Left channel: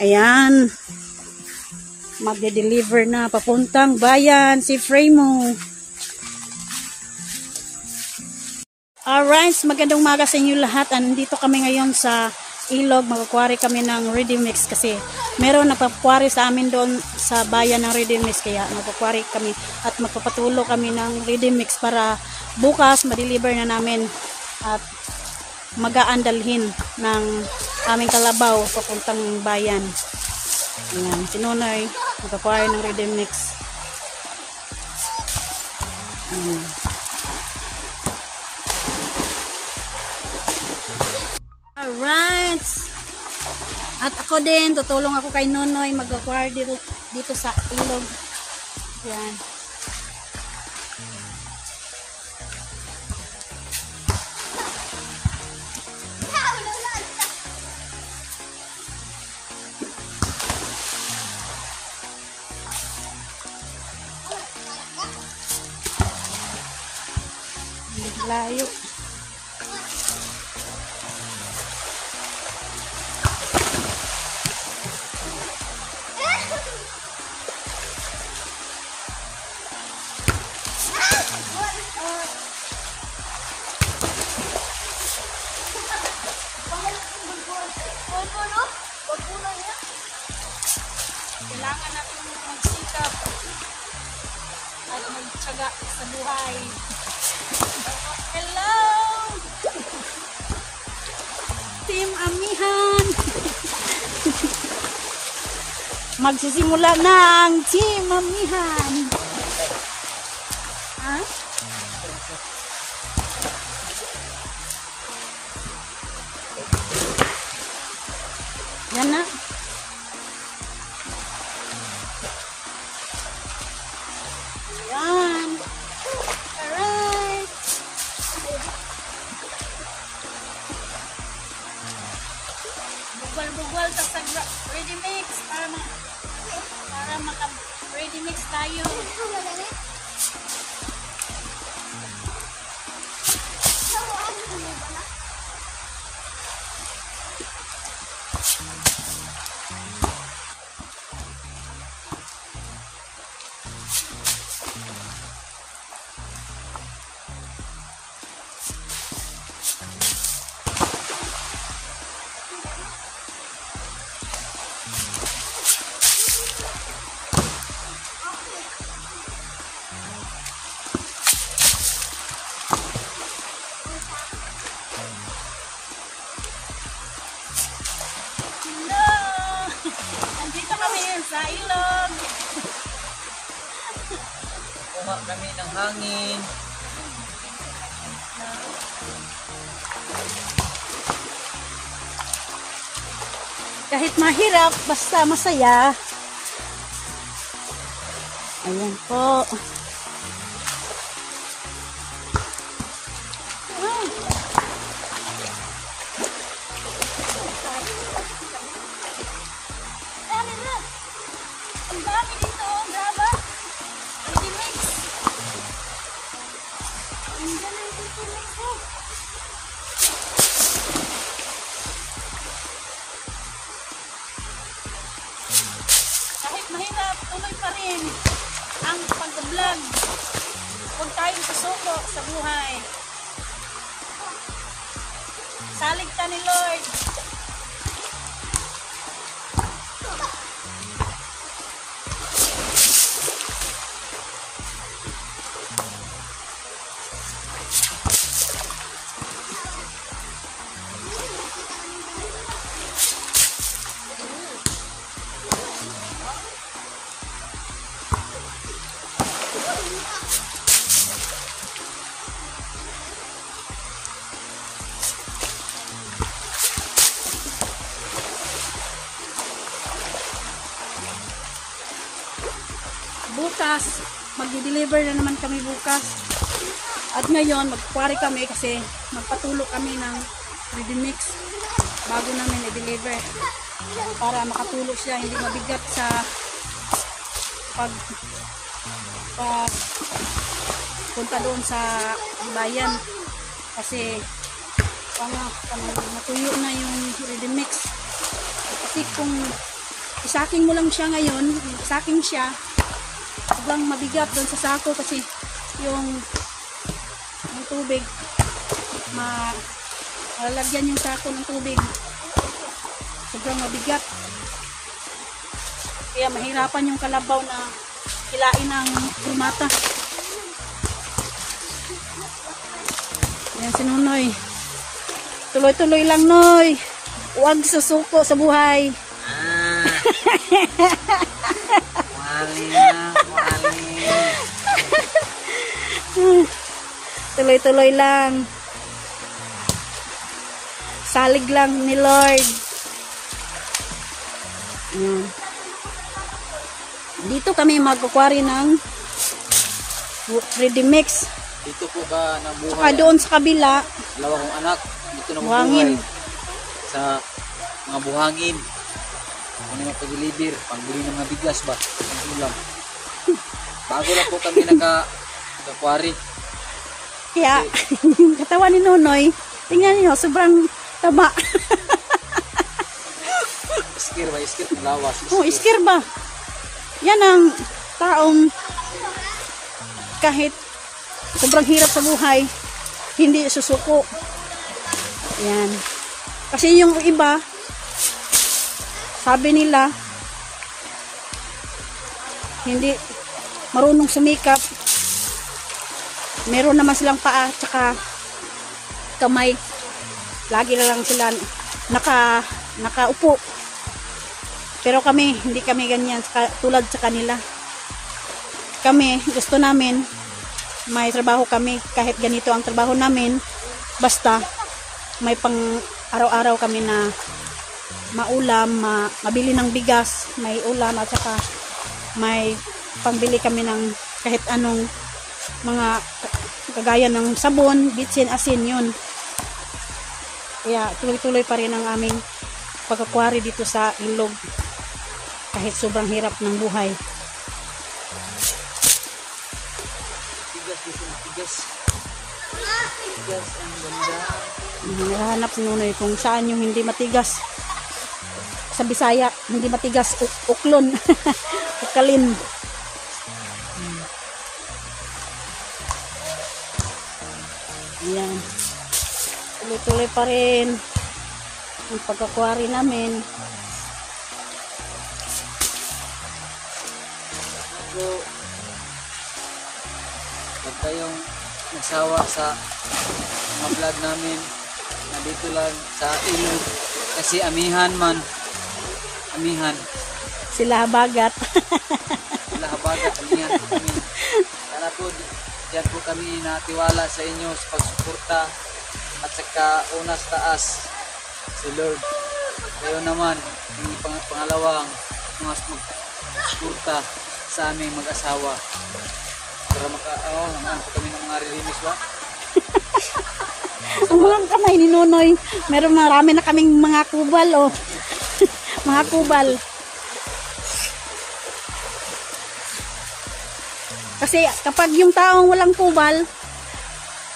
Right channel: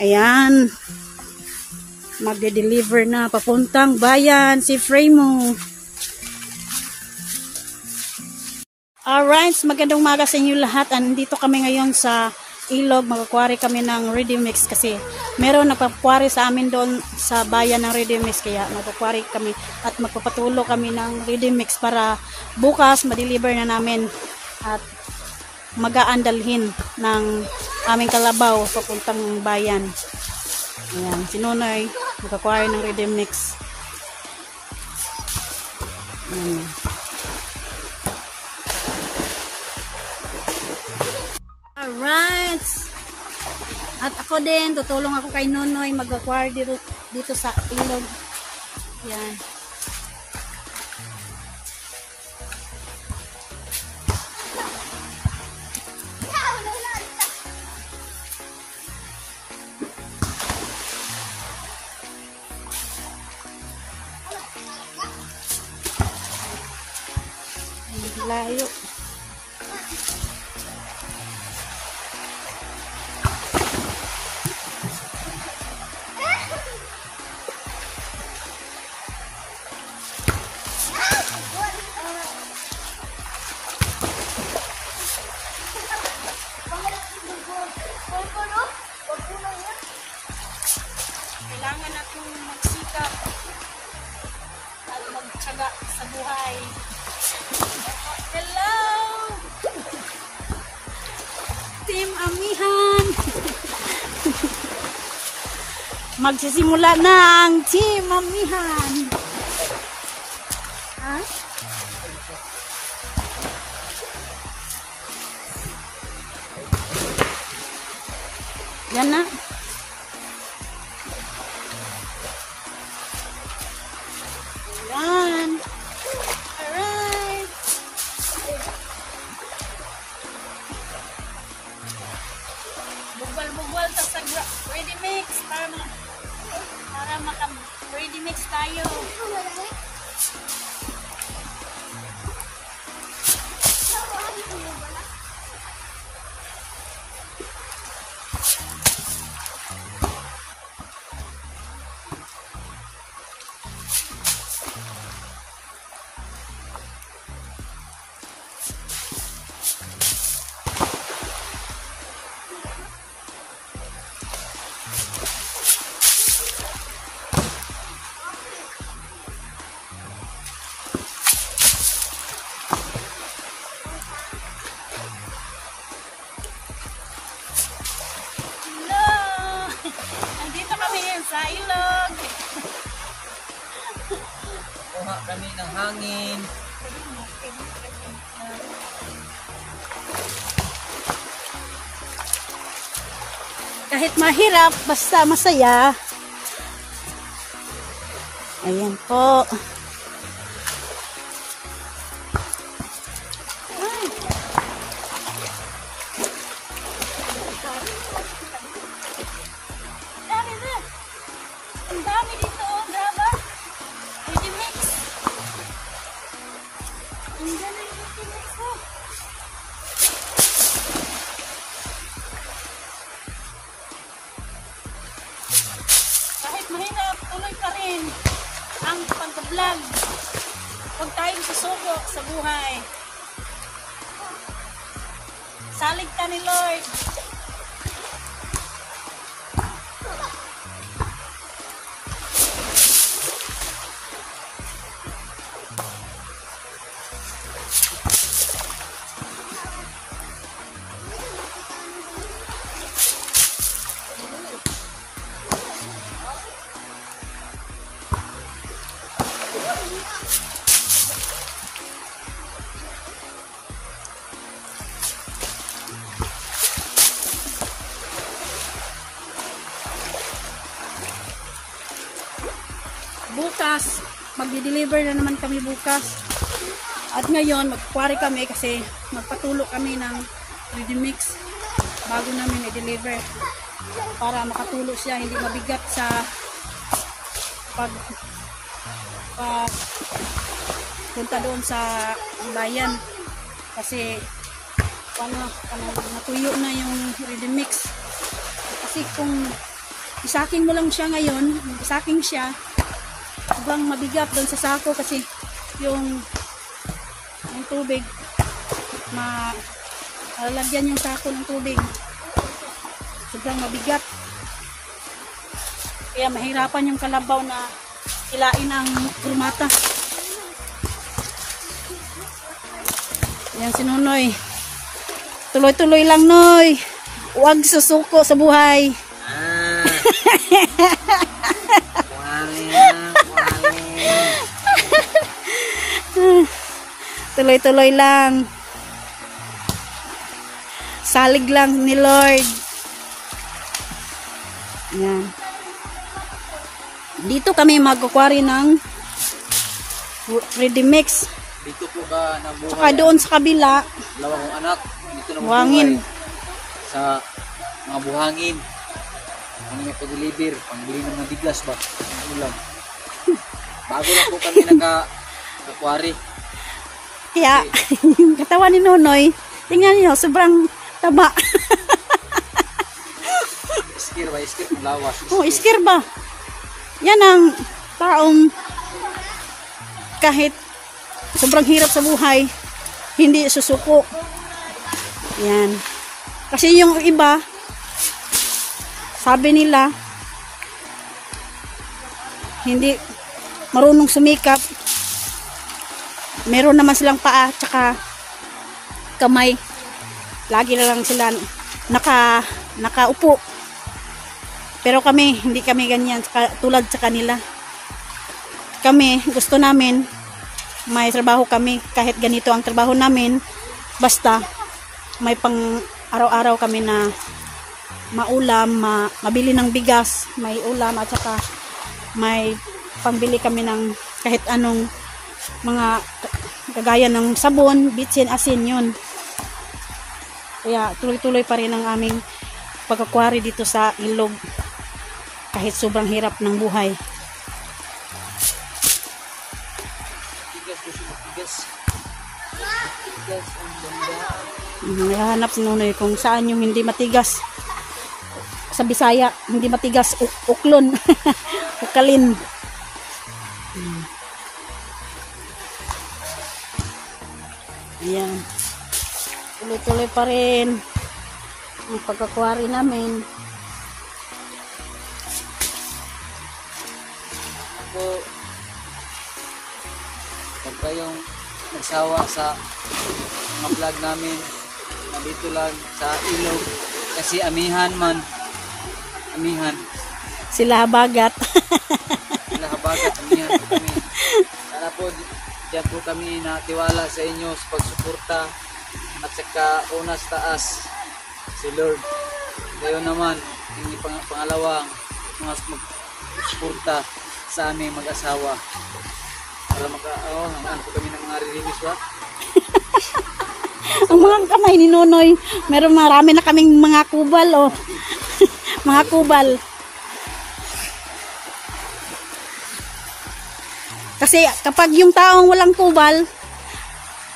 Ayan. Magde-deliver na papuntang bayan si Fremo. Alright, magandang umaga sa inyo lahat. Andito kami ngayon sa ilog. Magkukwari kami ng ready mix kasi meron nagpakwari sa amin doon sa bayan ng ready mix. Kaya magkukwari kami at magpapatulo kami ng ready mix para bukas ma-deliver na namin at mag-aandalhin ng aming kalabaw papuntang bayan. Ayan, si Nonoy magkukwari ng ready mix. Ayan. Alright. At ako din, tutulong ako kay Nonoy mag-acquire dito sa ilog. Yan. Layo. Kailangan natin magsikap at magtsaga sa buhay. Hello! Team Amihan! Magsisimula na ang Team Amihan! Ha? Yan na. Yan. Alright. Bugal-bugal sa sagwa. Ready mix para maka-ready mix tayo. Kami ng hangin. Kahit mahirap, basta masaya. Ayan po. Mahirap, tuloy pa rin ang pag-vlog. Huwag tayong susuko sa buhay. Salig ka ni Lord. Bukas, mag-deliver na naman kami bukas. At ngayon, magkukwari kami kasi magpatulo kami ng ready mix bago namin i-deliver para makatulog siya, hindi mabigat sa punta doon sa bayan kasi matuyo na yung ready mix kasi kung isaking mo lang siya ngayon, isaking siya, sobrang mabigat doon sa sako kasi yung tubig, lagyan yung sako ng tubig, sobrang mabigat. Kaya mahirapan yung kalabaw na ilain ng prumata. Yan si Nonoy. Tuloy-tuloy lang, Noy. Huwag susuko sa buhay. Tuloy-tuloy lang. Salig lang ni Lord. Yan. Dito kami magkukwari ng ready mix. Dito po ka nabuhay. Saka doon sa kabila, Dalawang anak. Dito na buhangin. Sa mga buhangin. Ano yung pag-deliver? Pangbili ng mga bigas ba? Ano lang. Bago na po kami nagkakwari. kaya yung katawan ni Nonoy, tingnan niyo, sobrang taba. Iskir ba? Iskir lawas. Oh, iskir ba? Yan ang taong kahit sobrang hirap sa buhay, hindi susuko. Yan. Kasi yung iba, sabi nila, hindi marunong sumikap. Meron naman silang paa, tsaka kamay. Lagi na lang sila nakaupo. Pero kami, hindi kami ganyan tulad sa kanila. Kami, gusto namin, may trabaho kami, kahit ganito ang trabaho namin, basta may pang araw-araw kami na maulam, mabili ng bigas, may ulam, at saka may pangbili kami ng kahit anong mga kagaya ng sabon, bitsin, asin, yun. Kaya tuloy-tuloy pa rin ang aming pagkakwari dito sa ilog kahit sobrang hirap ng buhay. Hanap si Nonoy kung saan yung hindi matigas. Sa Bisaya, hindi matigas, uklon. Ukalin. Ayan. Tuloy-tuloy pa rin ang pagkakwari namin. Pag kayong nagsawa sa mga vlog namin, dito lang sa ilog, kasi amihan man, amihan. Sila habagat. Sila habagat, amihan. Para po, diyan po kami natiwala sa inyo sa pagsuporta at saka unas taas si Lord. Kayo naman, hindi pangalawang mas magsuporta sa aming mag-asawa. Naman kami ng mga relimis ba? Ang mga kamay ni Nonoy, meron marami na kaming mga kubal, oh. Mga kubal. Kasi kapag yung taong walang kubal,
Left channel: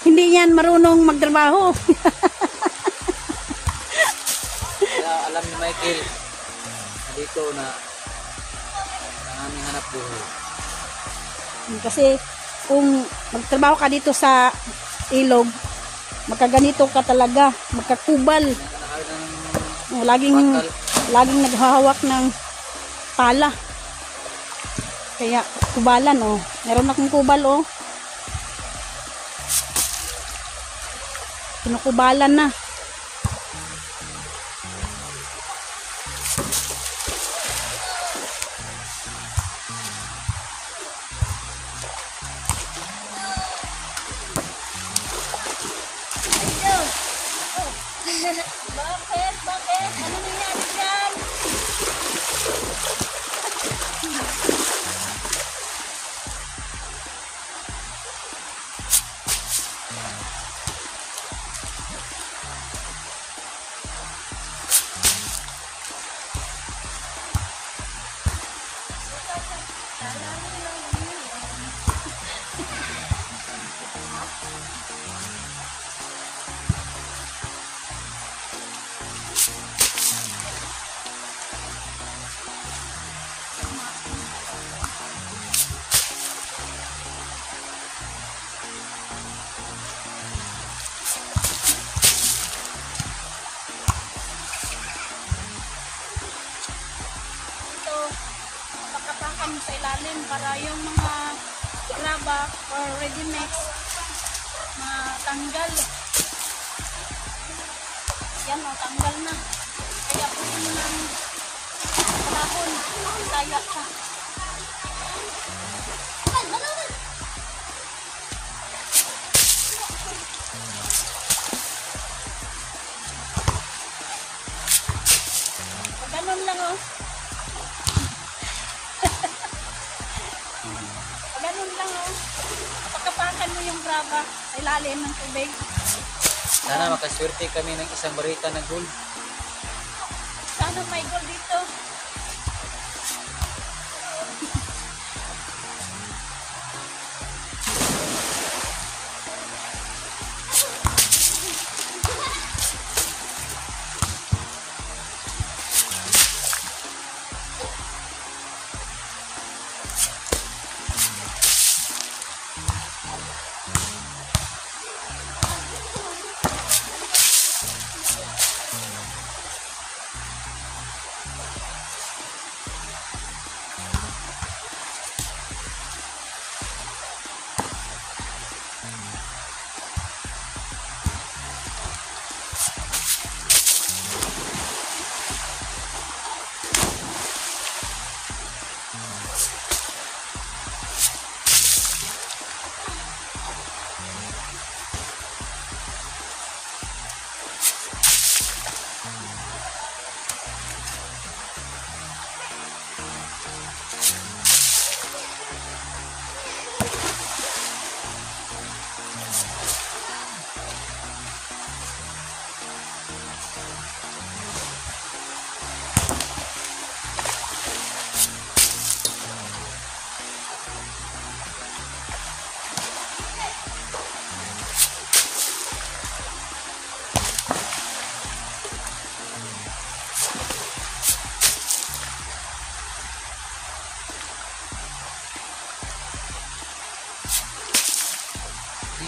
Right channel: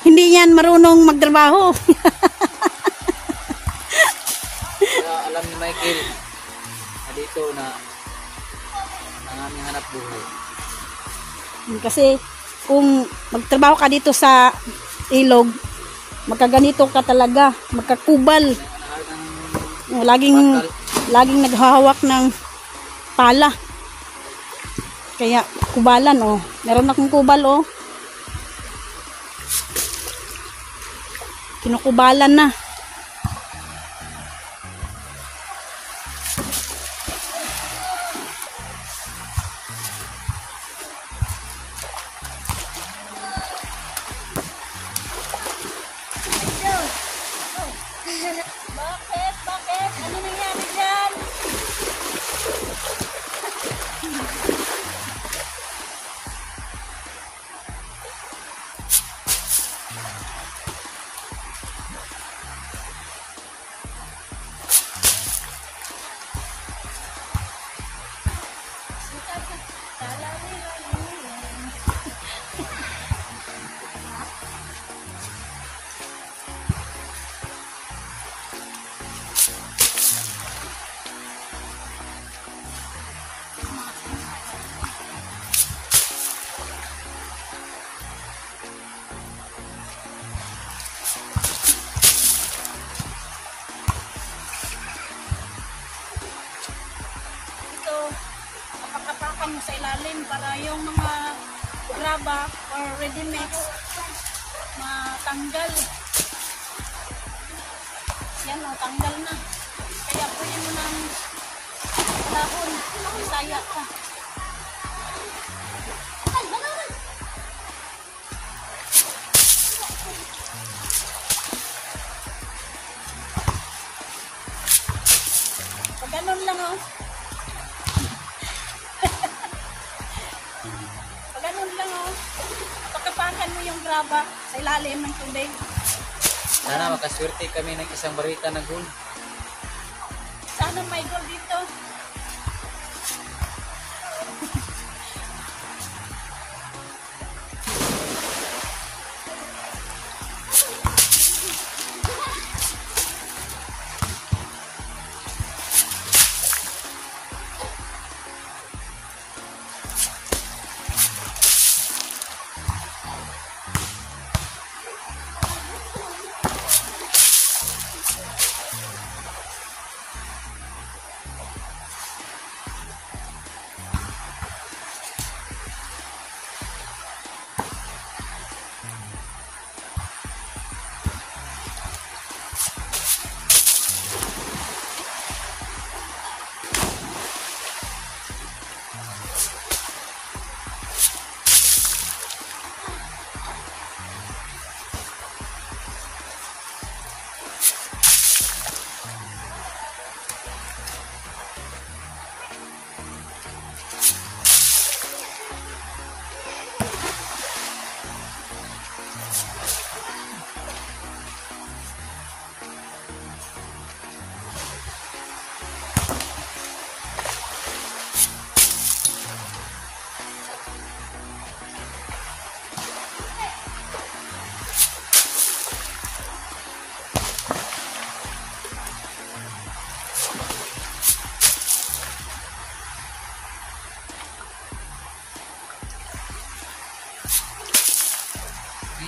hindi yan marunong magtrabaho. Alam ni Michael, dito na aming hanap buhay. Kasi kung magtrabaho ka dito sa ilog, magkaganito ka talaga, magkakubal. Laging naghahawak ng pala. Kaya kubalan, oh. Meron akong kubal, oh. Kinukubalan na. Bakit? Ano nangyari dyan? yung mga graba or ready mix na tanggal. Yan o, tanggal na. Kaya pwede mo lang palahon. Kaya ka. Ganun lang o. Ganun lang o. Pagkapakan mo yung graba sa ilalim ng tubig. Sana makaswerte kami ng isang barita ng gold. Sana may gold dito.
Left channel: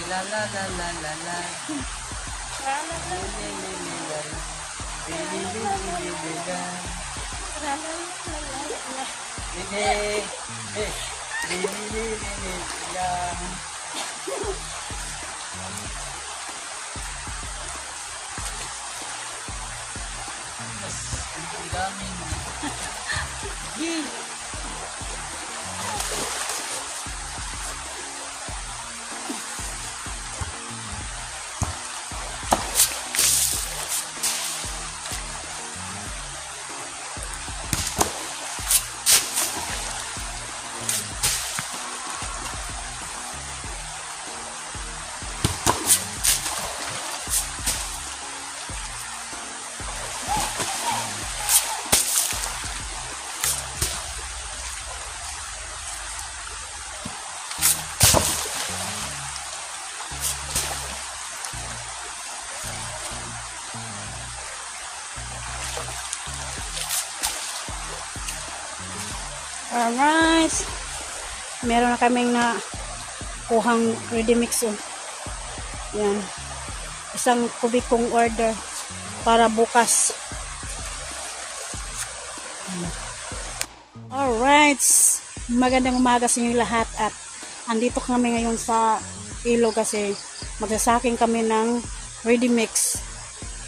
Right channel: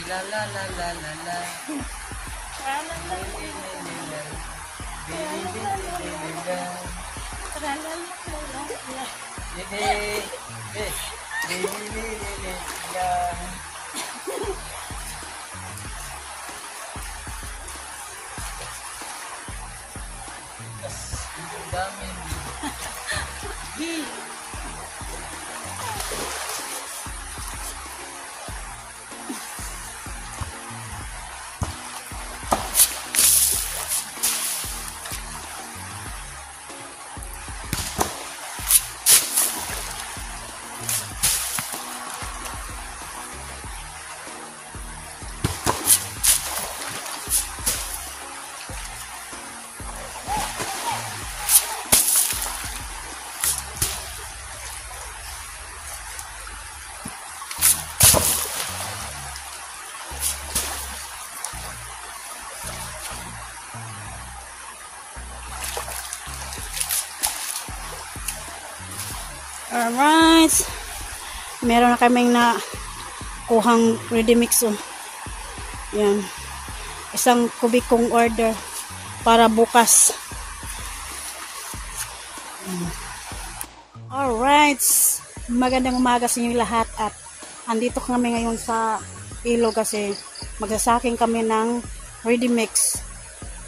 La la la la la la. Alright. Meron na kaming na kuhang ready mix. Oh. Yan. Isang kubikong order para bukas. Alright. Magandang umaga sa inyo lahat at andito kami ngayon sa ilog kasi magsasaking kami ng ready mix.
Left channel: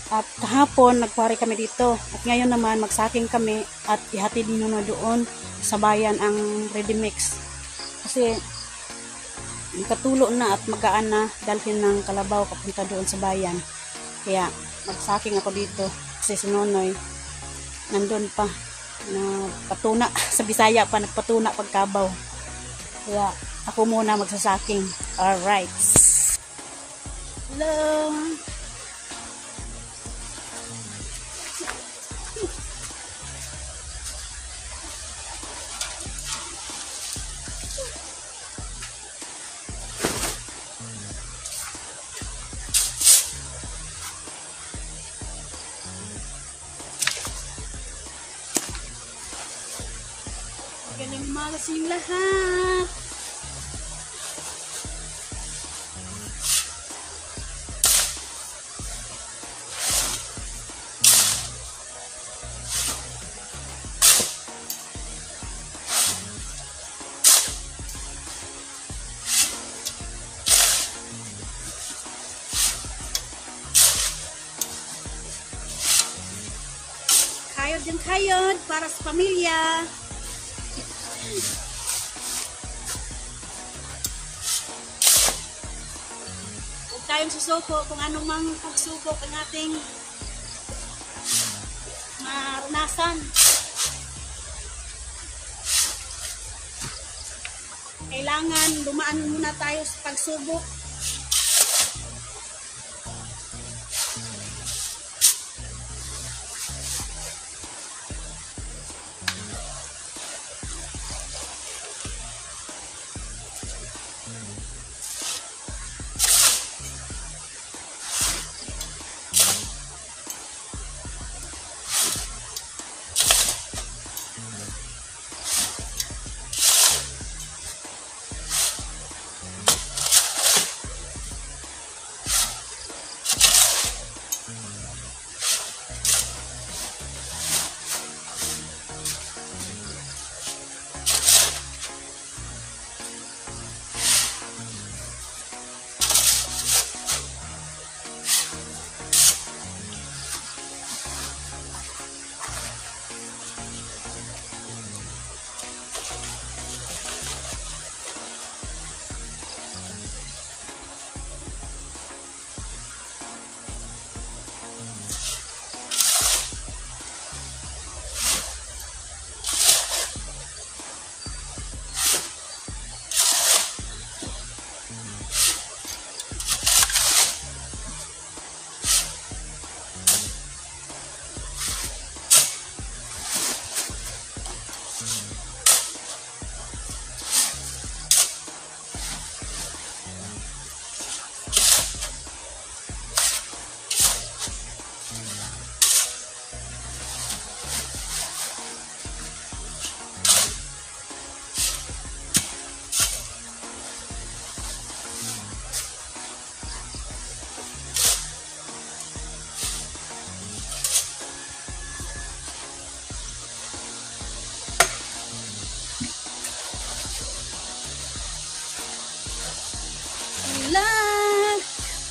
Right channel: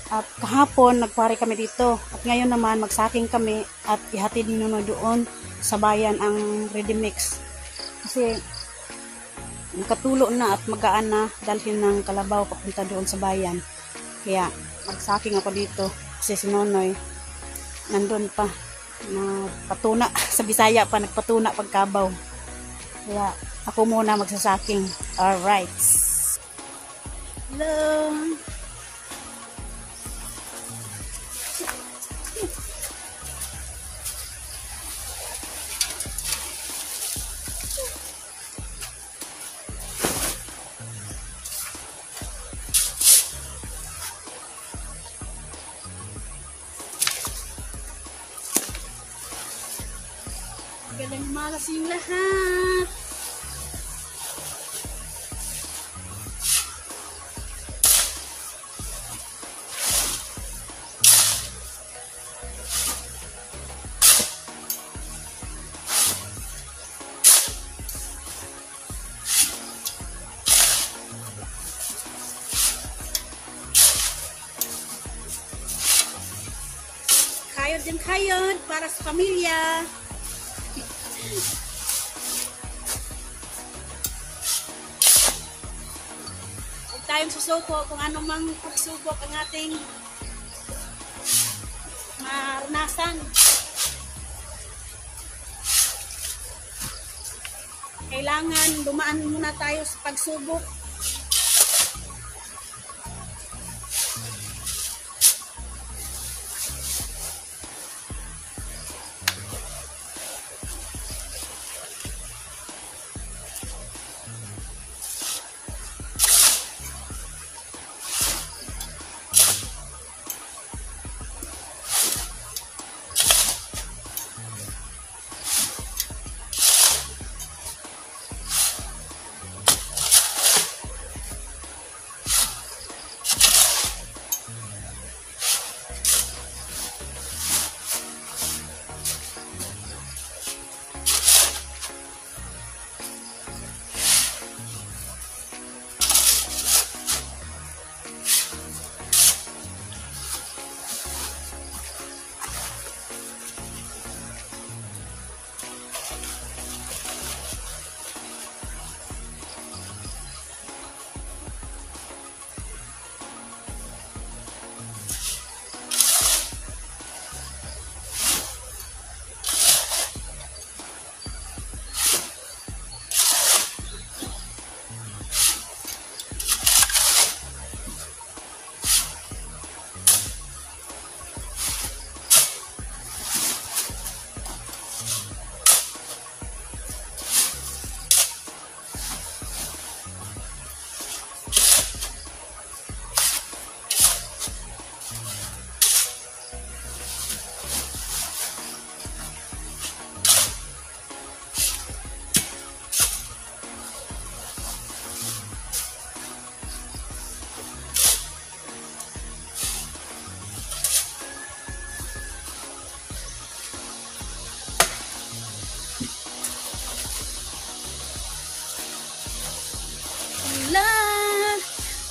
At kahapon nagpare kami dito at ngayon naman magsaking kami at ihatid nyo na doon sa bayan ang ready mix kasi nakatulo na at magaan na dalhin ng kalabaw papunta doon sa bayan. Kaya magsaking ako dito kasi si Nonoy nandun pa na patuna sa Bisaya pa nagpatuna pagkabaw, kaya ako muna magsasaking. Alright, hello. Magandang umaga sa inyong lahat. kayod para sa pamilya. Huwag tayong susuko kung anumang pagsubok ang ating maranasan. Kailangan dumaan muna tayo sa pagsubok.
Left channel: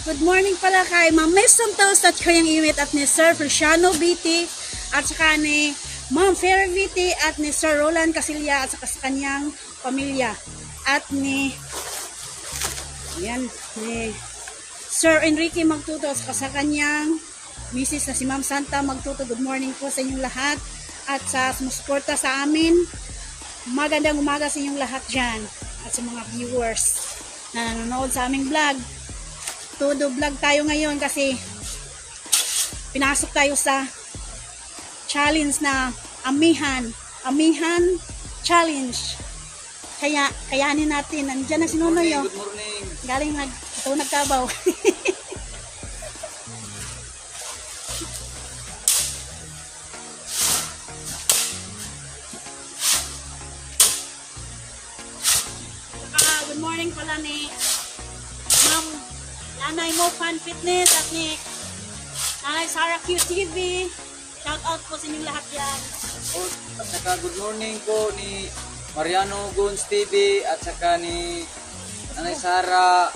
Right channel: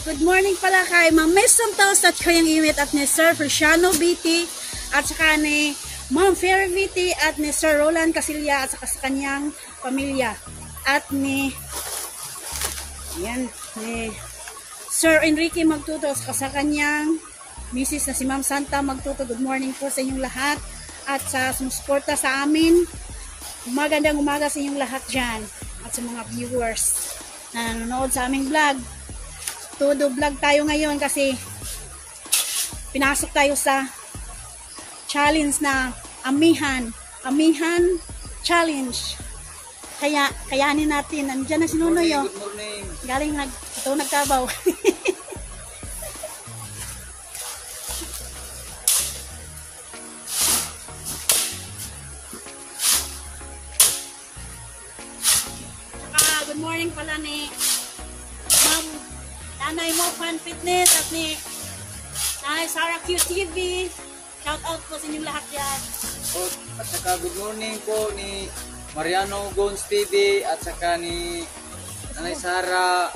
Good morning pala kay Ma'am Mesam Taos at kanyang iwit at ni Sir Feliciano Biti at saka ni Ma'am Ferry Biti at ni Sir Roland Casilya at saka sa kanyang pamilya at ni Sir Enrique Magtuto at saka sa kanyang misis na si Ma'am Santa Magtuto. Good morning po sa inyong lahat at sa sumusuporta sa amin. Magandang umaga sa inyong lahat dyan at sa mga viewers na nanonood sa aming vlog. Todo vlog tayo ngayon kasi pinasok tayo sa challenge na Amihan Challenge. Kaya kayanin natin. Nandiyan na si Nunoy. Good morning. Galing nagtabaw. Good morning pala ni Nanay Mo Fan Fitness at ni Nanay Sarah QTV. Shout out po sa inyong lahat dyan. At saka good morning po ni Mariano Gons TV at saka ni Nanay Sarah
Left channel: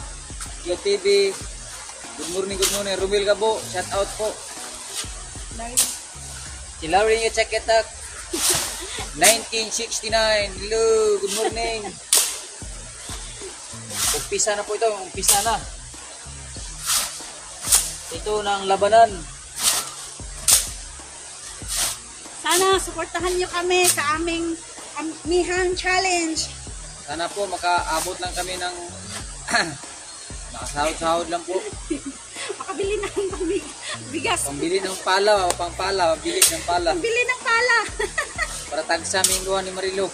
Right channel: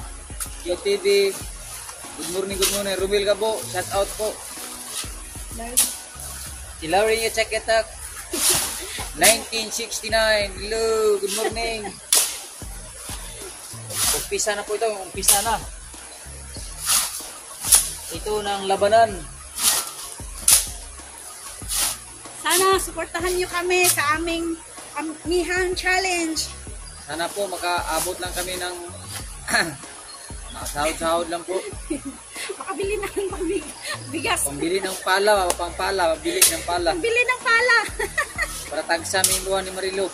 QTV. Good morning. Rumil ka po. Shout out po. Hilary nyo check it out. 1969. Hello. Good morning. Umpisa na po ito. Umpisa na. Ito ng labanan. Sana suportahan nyo kami sa aming Amihan Challenge. Sana po makaabot lang kami ng nakasahod-sahod lang po. Makabili na ng bigas. Pambili ng pala, pambili ng pala. Pambili ng pala. Para tagsaming luhan ni Marilo.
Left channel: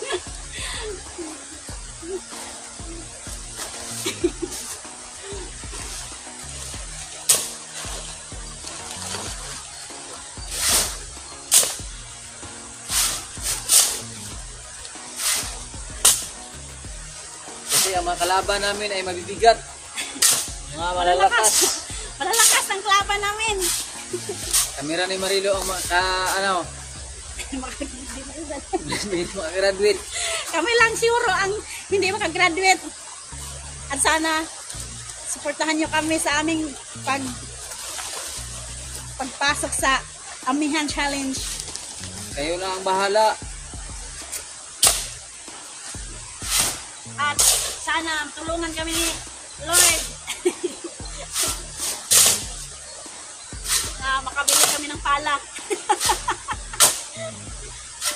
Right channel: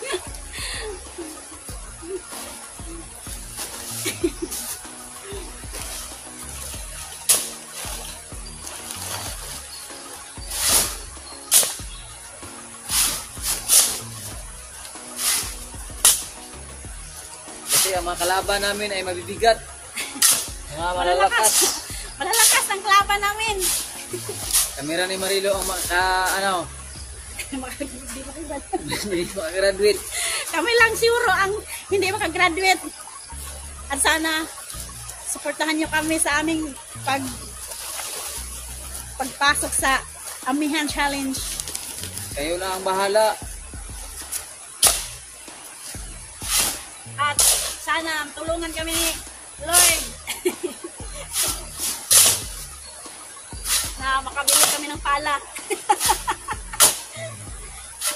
Ang mga kalaban namin ay mabibigat. Mga malalakas. Malalakas ang kalaban namin. Kamera ni Marilo ang hindi makagraduate. Kami lang siguro ang hindi makagraduate. At sana suportahan nyo kami sa aming pagpasok sa Amihan Challenge. Kayo na ang bahala. At sana tulungan kami ni Lord. Na makabili kami ng palak.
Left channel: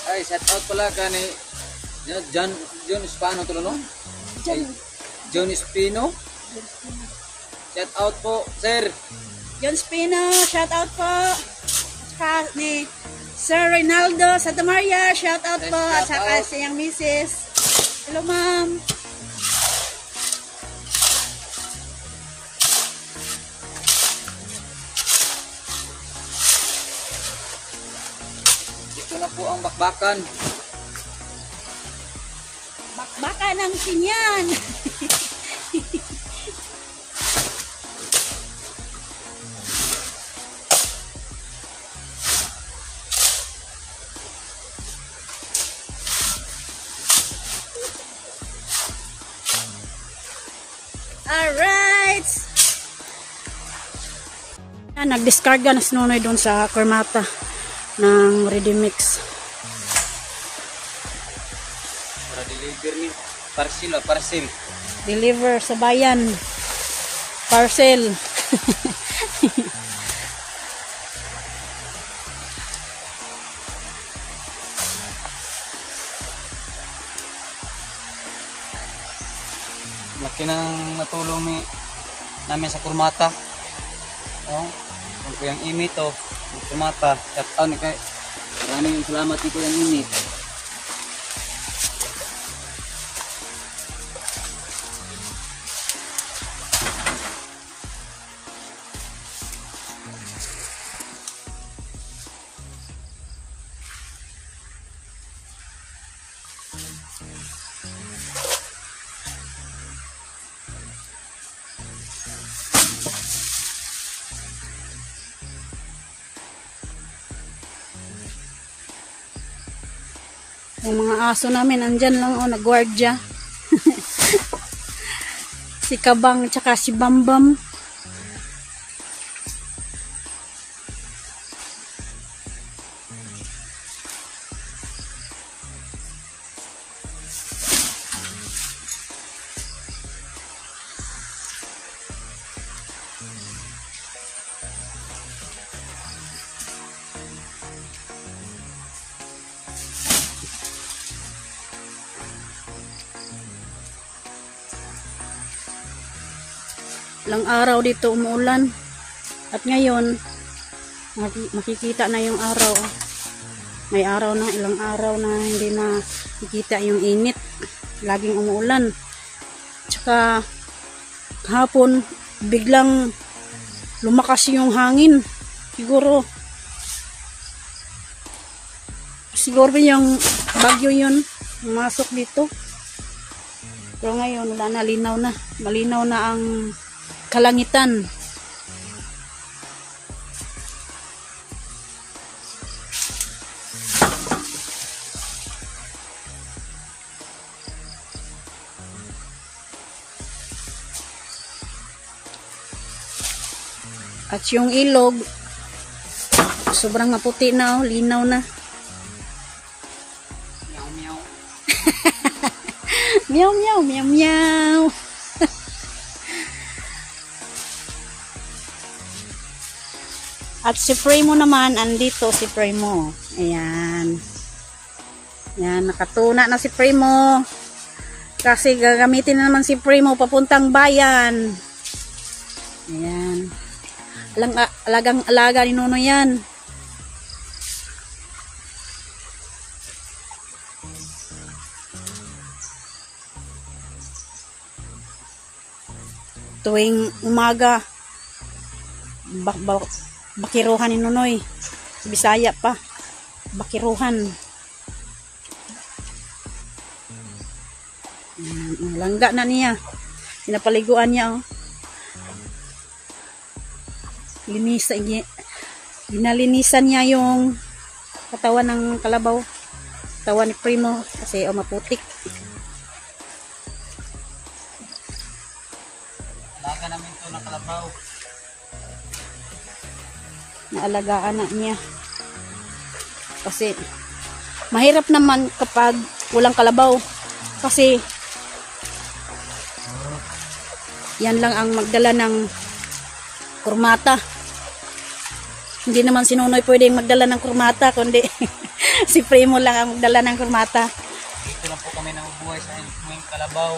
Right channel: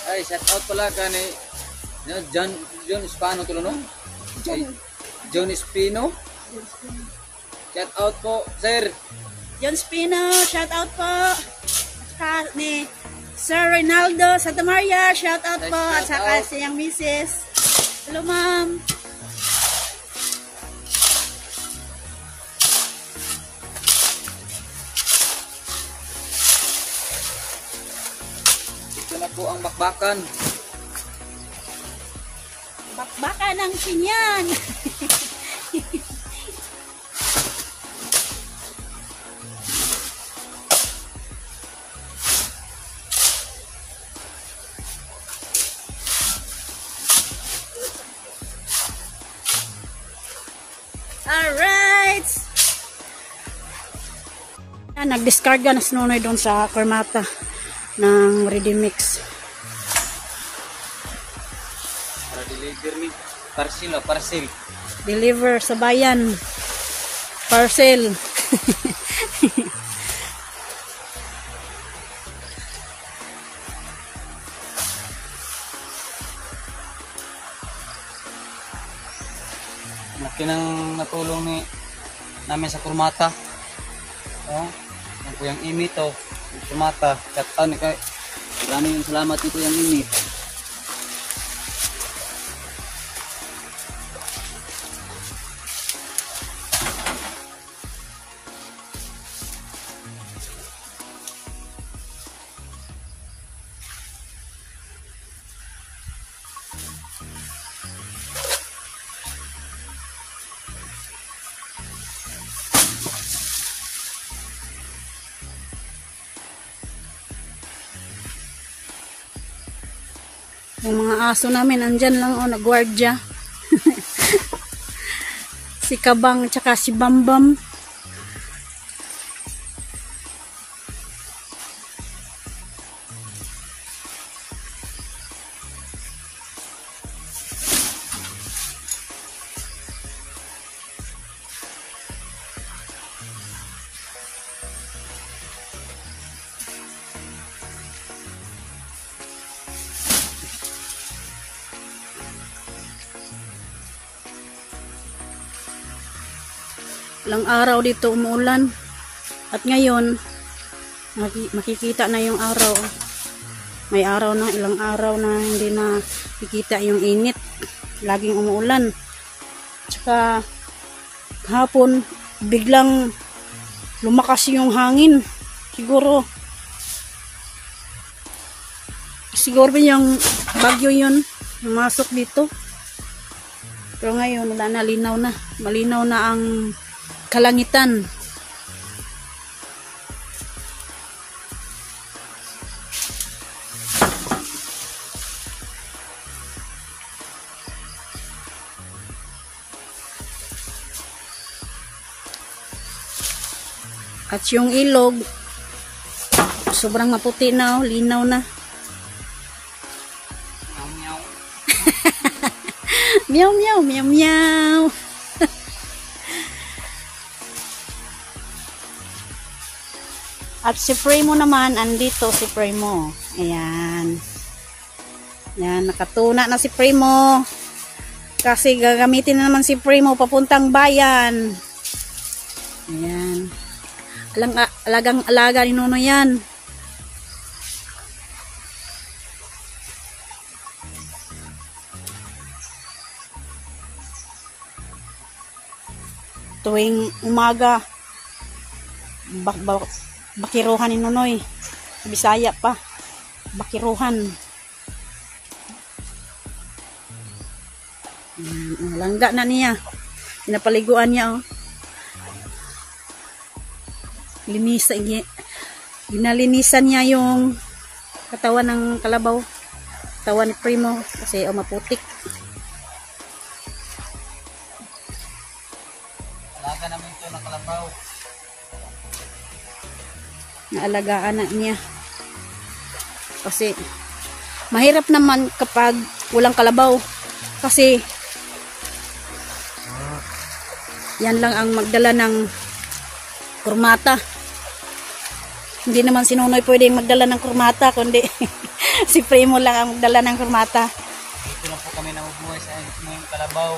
Ay, shout out pala ka ni John Espino to, no? John Espino. Shout out po, sir. John Spino, shout out po. At saka ni Sir Reynaldo Santa Maria, shout out po. At saka sa iyang misis. Hello, ma'am. Ito na po ang bakbakan. Bakbaka ng sinyan. Alright! Nag-discarga na sinunoy doon sa Karmapa ng Ready Mix. Para deliver ni parcel, parcel. Deliver sa bayan. Parcel. Laki ng natulong namin sa Kurmata. Oh, ang Kuyang Imit to, Kurmata. Shout out kay. Maraming salamat ni Kuyang Imit. Yung mga aso namin, andyan lang, nagwardya. Si Kabang, tsaka si Bambam. Ilang araw dito umuulan. At ngayon, makikita na yung araw. May araw na, ilang araw na hindi na makikita yung init. Laging umuulan. Tsaka, hapon, biglang lumakas yung hangin. Siguro yung bagyo yun, pumasok dito. Pero ngayon, wala na, linaw na. Malinaw na ang kalangitan. At yung ilog, sobrang maputi na, linaw na. Meow, meow. Meow, meow, meow, meow. At si Primo naman, andito si Primo. Ayan. Ayan, nakatuna na si Primo. Kasi gagamitin na naman si Primo papuntang bayan. Ayan. Alagang-alaga ni Nuno yan. Tuwing umaga, bakiruhan ni Nunoy. Bisaya pa. Bakiruhan. Langga na niya. Pinapaliguan niya, oh. Ginalinisan niya yung katawan ng kalabaw. Katawan ni Primo kasi maputik. Alaga namin ito na kalabaw. Naalagaan na niya kasi Mahirap naman kapag walang kalabaw. Kasi yan lang ang magdala ng kurmata. Hindi naman si Nonoy pwedeng magdala ng kurmata, kundi si Primo lang ang magdala ng kurmata. Dito lang po kami nabubuhay sa mga kalabaw.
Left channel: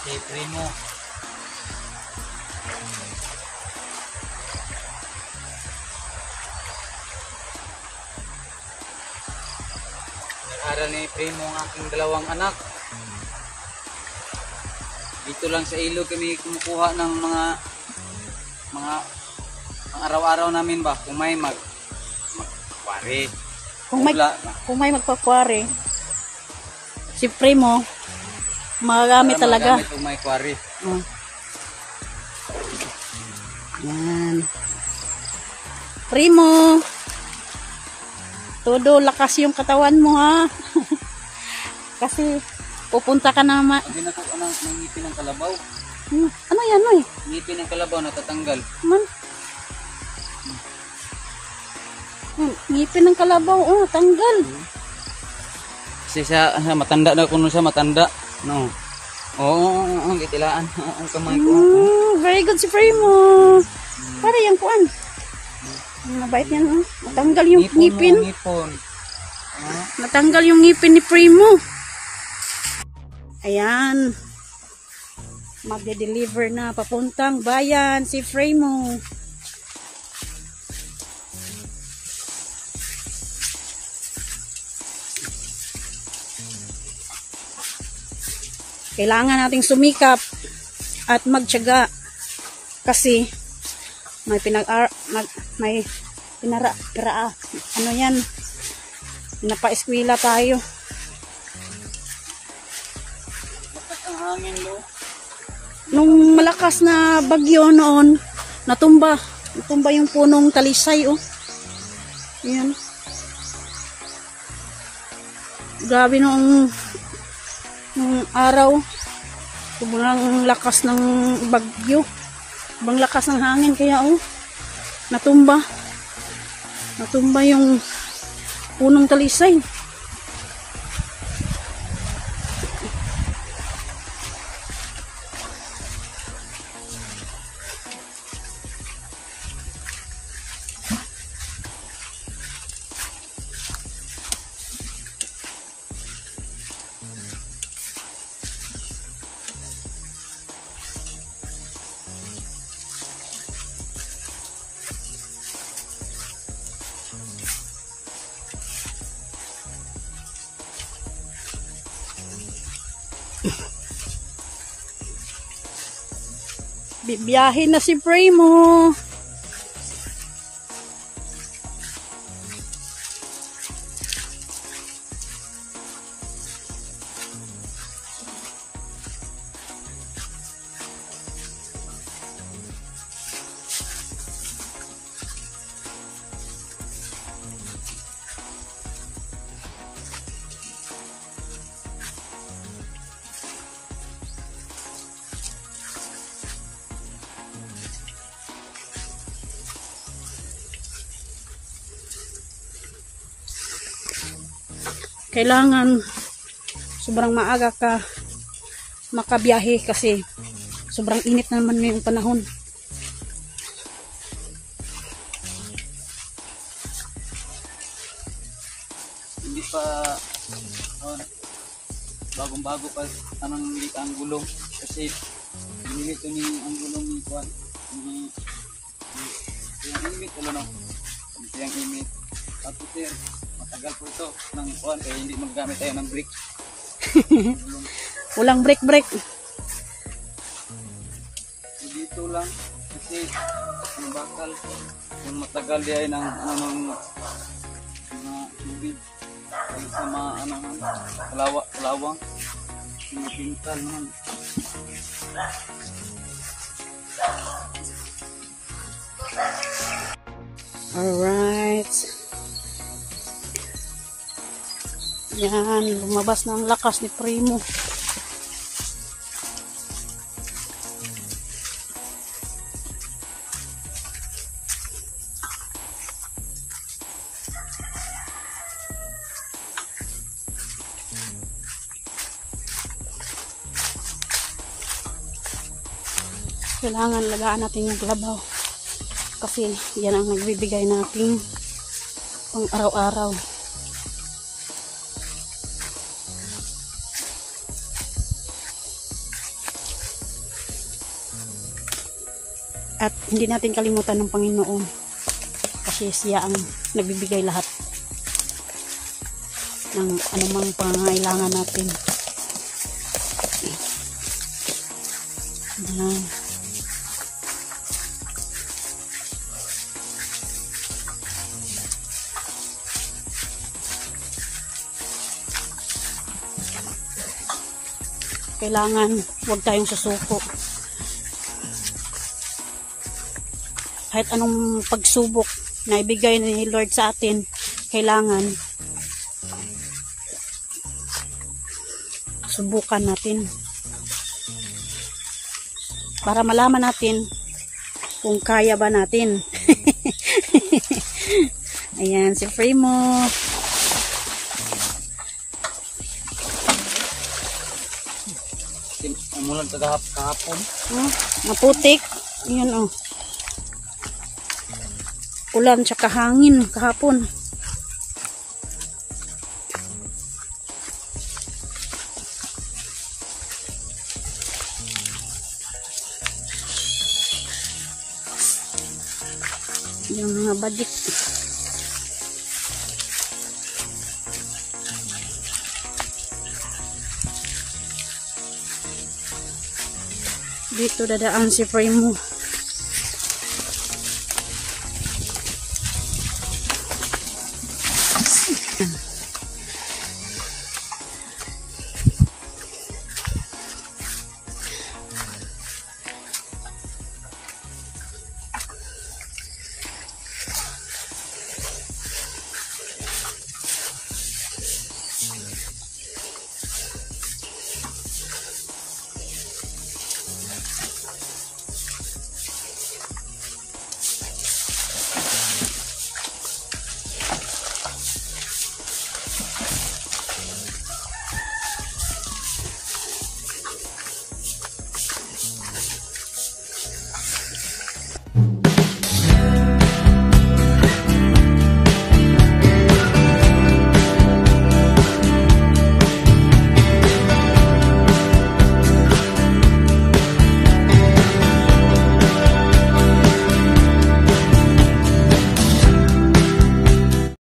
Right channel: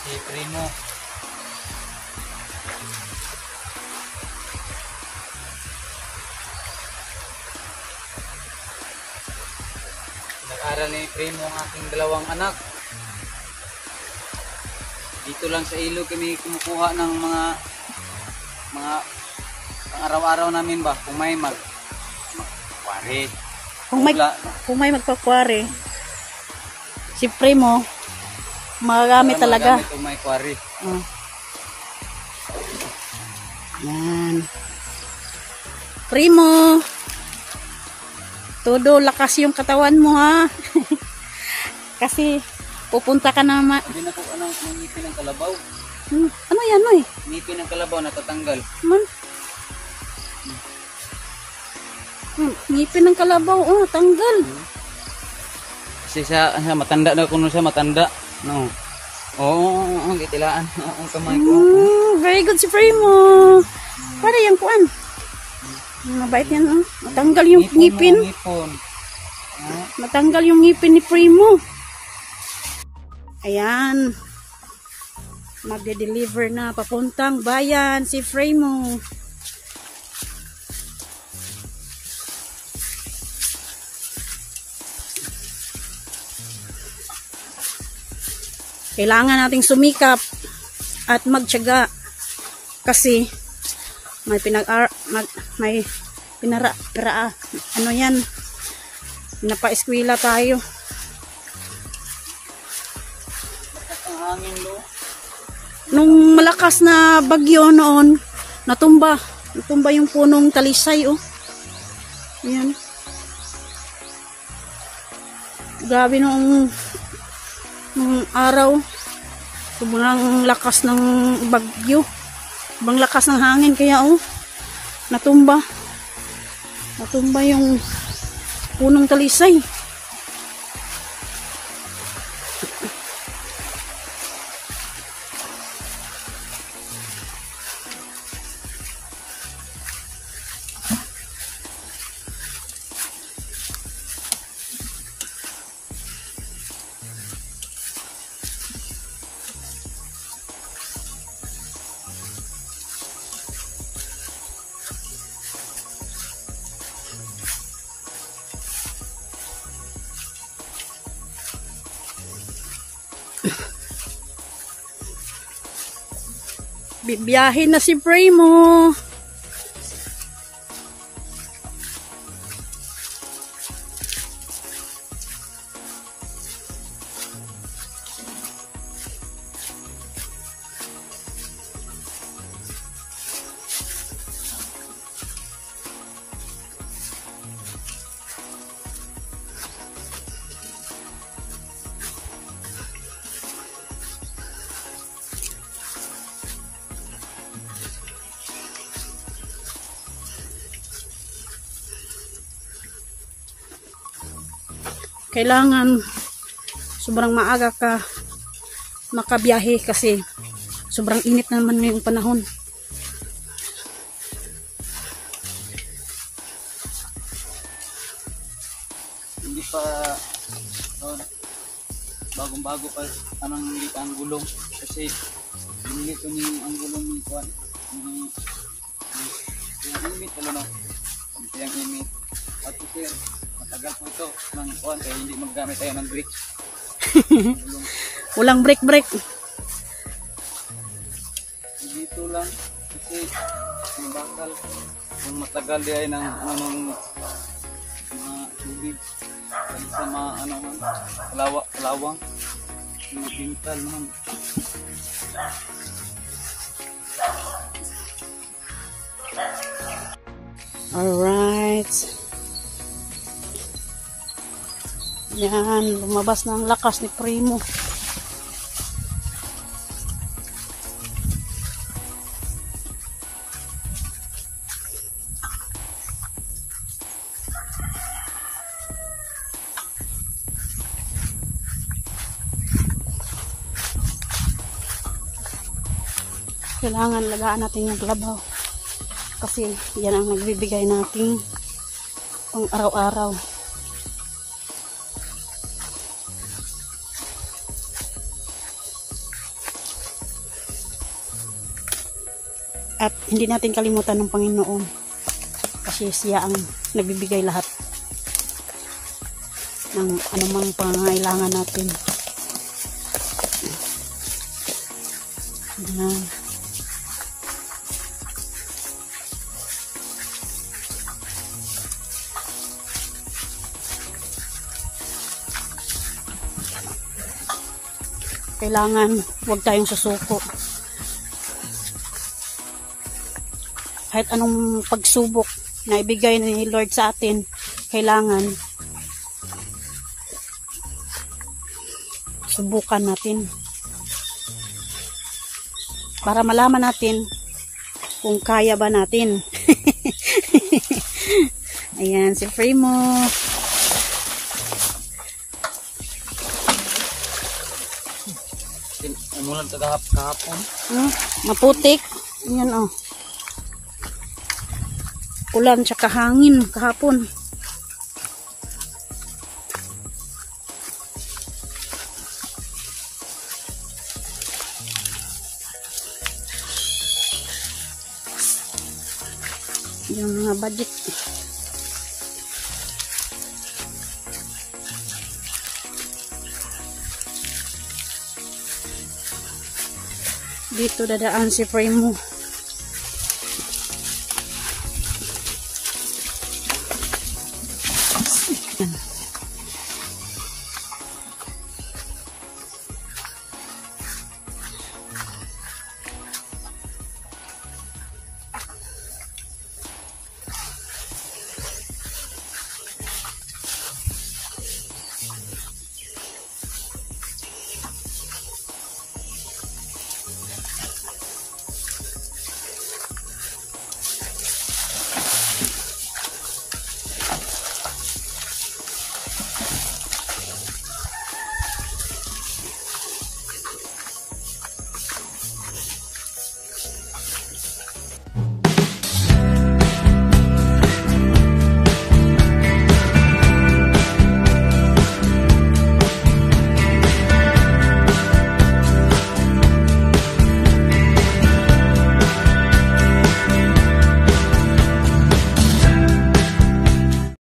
Si Primo. Nag-aral ni Primo ang aking dalawang anak. Dito lang sa ilog kami kumukuha ng mga araw-araw namin ba kung may magpare. Kung may magpakwari, si Primo magagamit talaga. Kung may kwari. Oh. Yan. Primo, todo lakas yung katawan mo ha. Kasi pupunta ka na Hindi na ko ng ngipin ng kalabaw. ano yan oy? Ngipin ng kalabaw natatanggal. Man. Ngipin ng kalabaw, oh, tanggal. Kasi sa matanda na kuno sa matanda. No. Oo, kitilaan. Oo, kamay ko. Very good si Primo. Para yung kuan. Mabait yan, oh. Matanggal yung ngipin. Matanggal yung ngipin ni Primo. Ayan. Magde-deliver na papuntang bayan si Primo. Kailangan nating sumikap at magtiyaga kasi may ano yan, napa-eskwela tayo. Nung malakas na bagyo noon, natumba yung punong talisay, oh. Ayan. Grabe nung araw, sobrang lakas ng bagyo, sobrang lakas ng hangin, kaya oh, natumba yung punong talisay. Bibiyahin na si Primo. Kailangan sobrang maaga ka makabiyahe kasi sobrang init naman yung panahon. Hindi pa bagong-bago pa anong nilit ang gulong kasi nilit ni ang gulong ni Juan. Hindi yung imit ano yung imit at sir matagal po ito ng Juan kaya hindi maggamit tayo ng brake. Walang brake. Dito lang kasi yung bakal ang matagal yan ng anong mga tubig sa mga ano lawang yung pintal naman. Alright. Yan, lumabas na ang lakas ni Primo. kailangan lagaan natin yung kalabaw kasi yan ang nagbibigay natin pang araw-araw. At hindi natin kalimutan ng Panginoon kasi siya ang nagbibigay lahat ng anumang pangangailangan natin. Ayan. Kailangan huwag tayong susuko. Kahit anong pagsubok na ibigay ni Lord sa atin, kailangan subukan natin para malaman natin kung kaya ba natin. Ayan, si Primo. Umulan sa kahapon. Maputik. Ayan, oh. Ulan tsaka hangin kahapon. Yung mga budget. Dito dadaan si Primo.